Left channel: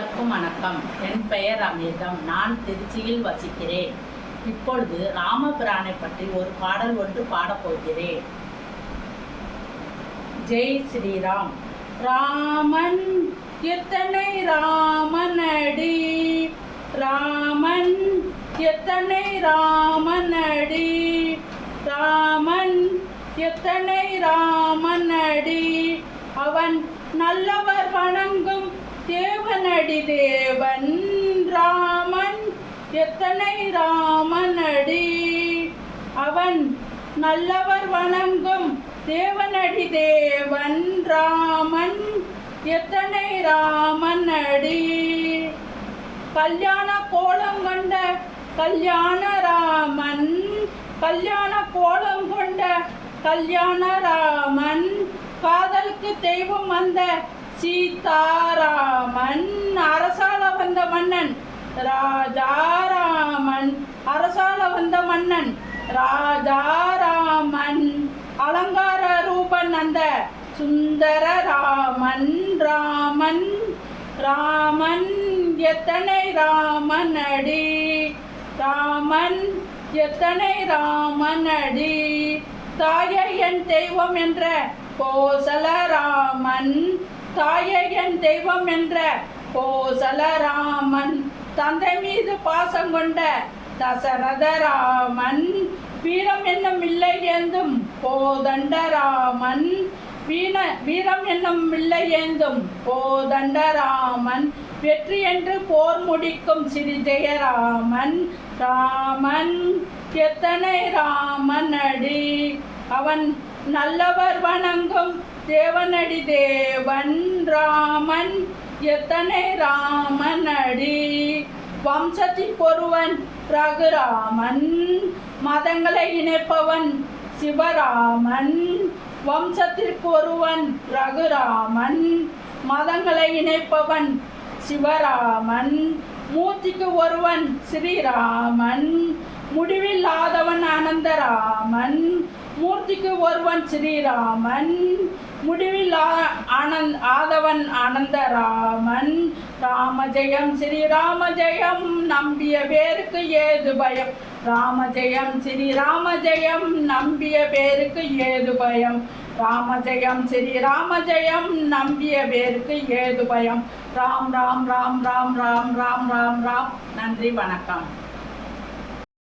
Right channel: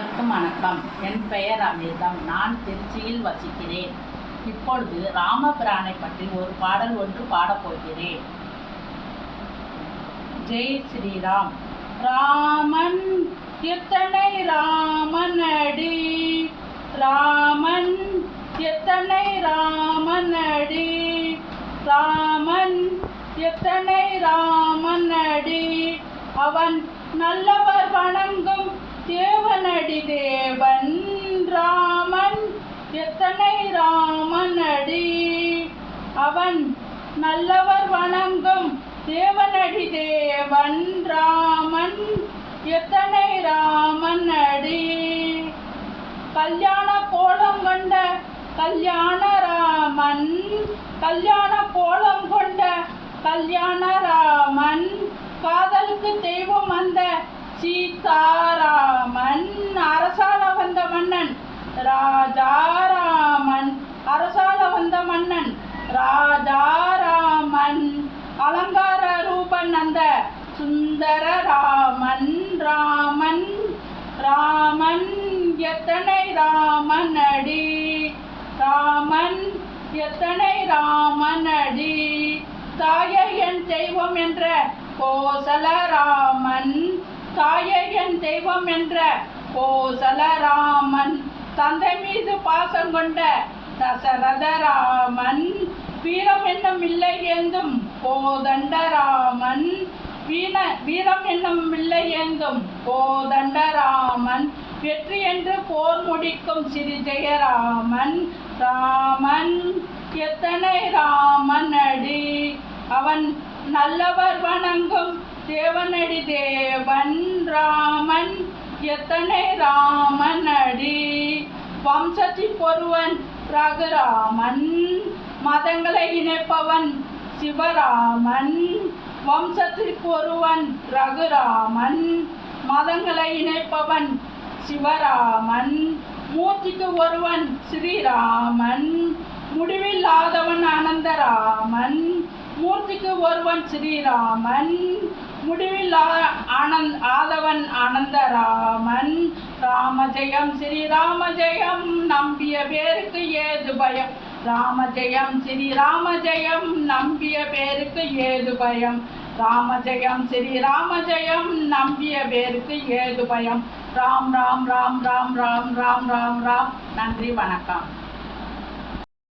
அனைவருக்கும் வணக்கம். என் பெயர் அமிர்தம். நான் திருச்சியில் வசிக்கிறேன். இப்பொழுது ராமபிரானை பற்றி ஒரு பாடல் ஒன்று பாடப்போகிறேன் ஜெய் ஸ்ரீராம். ராமன் எத்தனை ராமனடி? ராமன் எத்தனை ராமனடி? ராமன் எத்தனை ராமனடி? அவன் நல்லவர் வணங்கும் தேவனடி தேவன் ராமன் எத்தனை ராமனடி? அவன் நல்லவர் வணங்கும் தேவனடி தேவன் ராமன் எத்தனை ராமனடி? கல்யாண கோலம் கொண்ட கல்யாண ராமன் கல்யாண கோலம் கொண்ட கல்யாண ராமன் காதலுக்கு தெய்வம் அந்த சீதாராமன் அரசால வந்த மன்னன் ராஜாராமன். அரசால வந்த மன்னன் ராஜாராமன். அலங்கார ரூபன் அந்த சுந்தர ராமன் ராமன். ராமன் எத்தனை ராமனடி? ராமன் எத்தனை ராமனடி? தாயை என் தெய்வம் என்ற கோசல ராமன். தாயே என் தெய்வம் என்ற கோசல ராமன் தந்தை மீது பாசம் கொண்ட தசரத ராமன் வீரம் என்னும் இல்லை ஏந்தும் கோதண்ட ராமன் வீண வீரம் என்னும் இல்லை ஏந்தும் கோதண்ட ராமன் வெற்றி என்று போர் முடிக்கும் சிறி ஜெயராமன் ராமன் எத்தனை ராமனடி அவன் நல்லவர் வணங்கும் தேவனடி தேவன் ராமன் எத்தனை ராமனடி? வம்சத்தின் பொருவன் ரகுராமன் மதங்களை இணைப்பவன் சிவராமன் வம்சத்திற்கு ஒருவன் ரகுராமன் மதங்களை இணைப்பவன் சிவராமன் மூர்த்திக்கு ஒருவன் ஸ்ரீராமன் முடிவில்லாதவன் அனந்தராமன் மூர்த்திக்கு ஒருவன் ஸ்ரீராமன் முடிவில் ஆனந்த் ஆதவன் ஆனந்தராமன் ஸ்ரீராம ஜெயம் நம்பிய பேருக்கு ஏது பயம்? ஸ்ரீராம ஜெயம் நம்பிய பேருக்கு ஏது பயம்? ஸ்ரீராம ஜெயம் நம்பிய பேருக்கு ஏது பயம்? ராம் ராம் ராம் ராம் ராம் ராம் ராம் ராம். நன்றி வணக்கம்.